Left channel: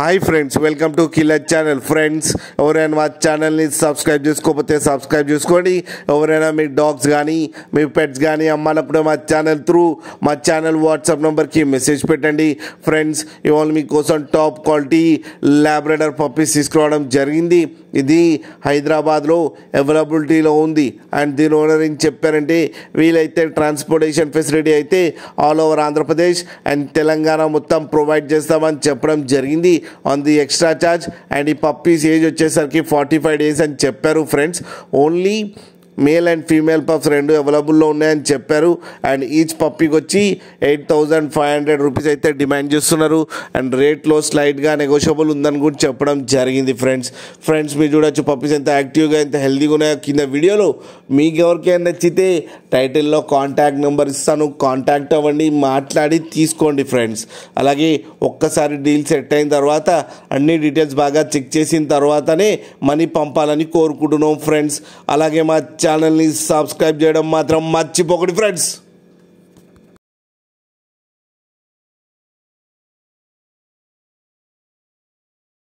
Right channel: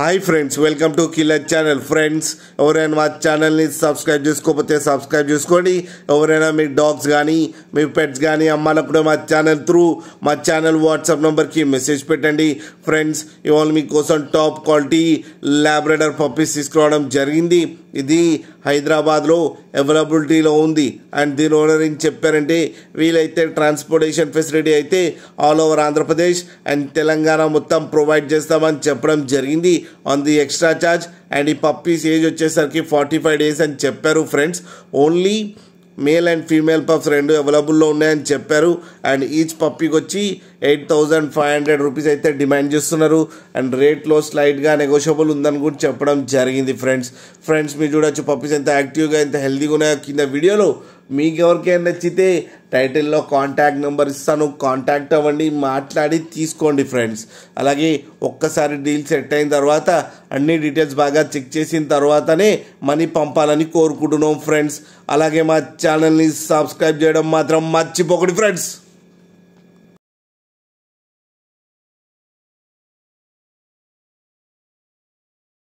Hi friends, welcome to killer channel. Friends, ఎవరైనా మా ఛానల్ని సబ్స్క్రైబ్ చేసుకోకపోతే సబ్స్క్రైబ్ చేసుకోండి. ఎవరైనా మీ డాగ్స్ కానీ మీ పెట్స్ కానీ అమ్మాలప్పుడు మా ఛానల్ వాట్సాప్ నెంబర్కి మెసేజ్ పెట్టండి. ఫ్రెండ్స్, ఇవాళ మీకోసం టాప్ క్వాలిటీ లాబ్రడార్ పప్పీస్ తీసుకురావడం జరిగింది. ఇది హైదరాబాద్లో అవైలబిలిటీలో ఉంది. అండ్ దీని ఓనర్ ఏం చెప్పారంటే, వీలైతే ట్రాన్స్పోర్టేషన్ ఫెసిలిటీ అయితే all over Andhra Pradesh and Telangana మొత్తం ప్రొవైడ్ చేస్తామని చెప్పడం జరిగింది on the extra charge. And ఈ పప్పీస్ ఏజ్ వచ్చేసరికి 45 days అని చెప్పారు. Friends, only male and female pups రెండు అవైలబుల్లో ఉన్నాయని చెప్పారు. అండ్ ఈచ్ పప్పీకి వచ్చి 8,500 రూపీస్ అయితే డిమాండ్ చేస్తున్నారు. అండ్ రేట్లో స్లైడ్గా నెగోషియబుల్ ఉందని కూడా చెప్పడం జరిగింది. ఫ్రెండ్స్ మీరు చూడొచ్చు పప్పీస్ ఎంత యాక్టివ్గా ఎంత హెల్తీగా ఉన్నాయో కింద వీడియోలో. మీకు ఎవరికైనా నచ్చితే టైటిల్లో కాంటాక్ట్ నెంబర్ ఇస్తాను, కాంటాక్ట్ అవ్వండి, మాట్లాడి తీసుకోండి ఫ్రెండ్స్. అలాగే ఒక్కసారి డీల్ సెట్ అయిన తర్వాత అన్ని డీటెయిల్స్ బాగా చెక్ చేసిన తర్వాతనే మనీ పంపాలని కోరుకుంటున్నాం ఫ్రెండ్స్. అలాగే మా ఛానల్ని సబ్స్క్రైబ్ చేయడం మాత్రం మర్చిపోకండి ఫ్రెండ్స్.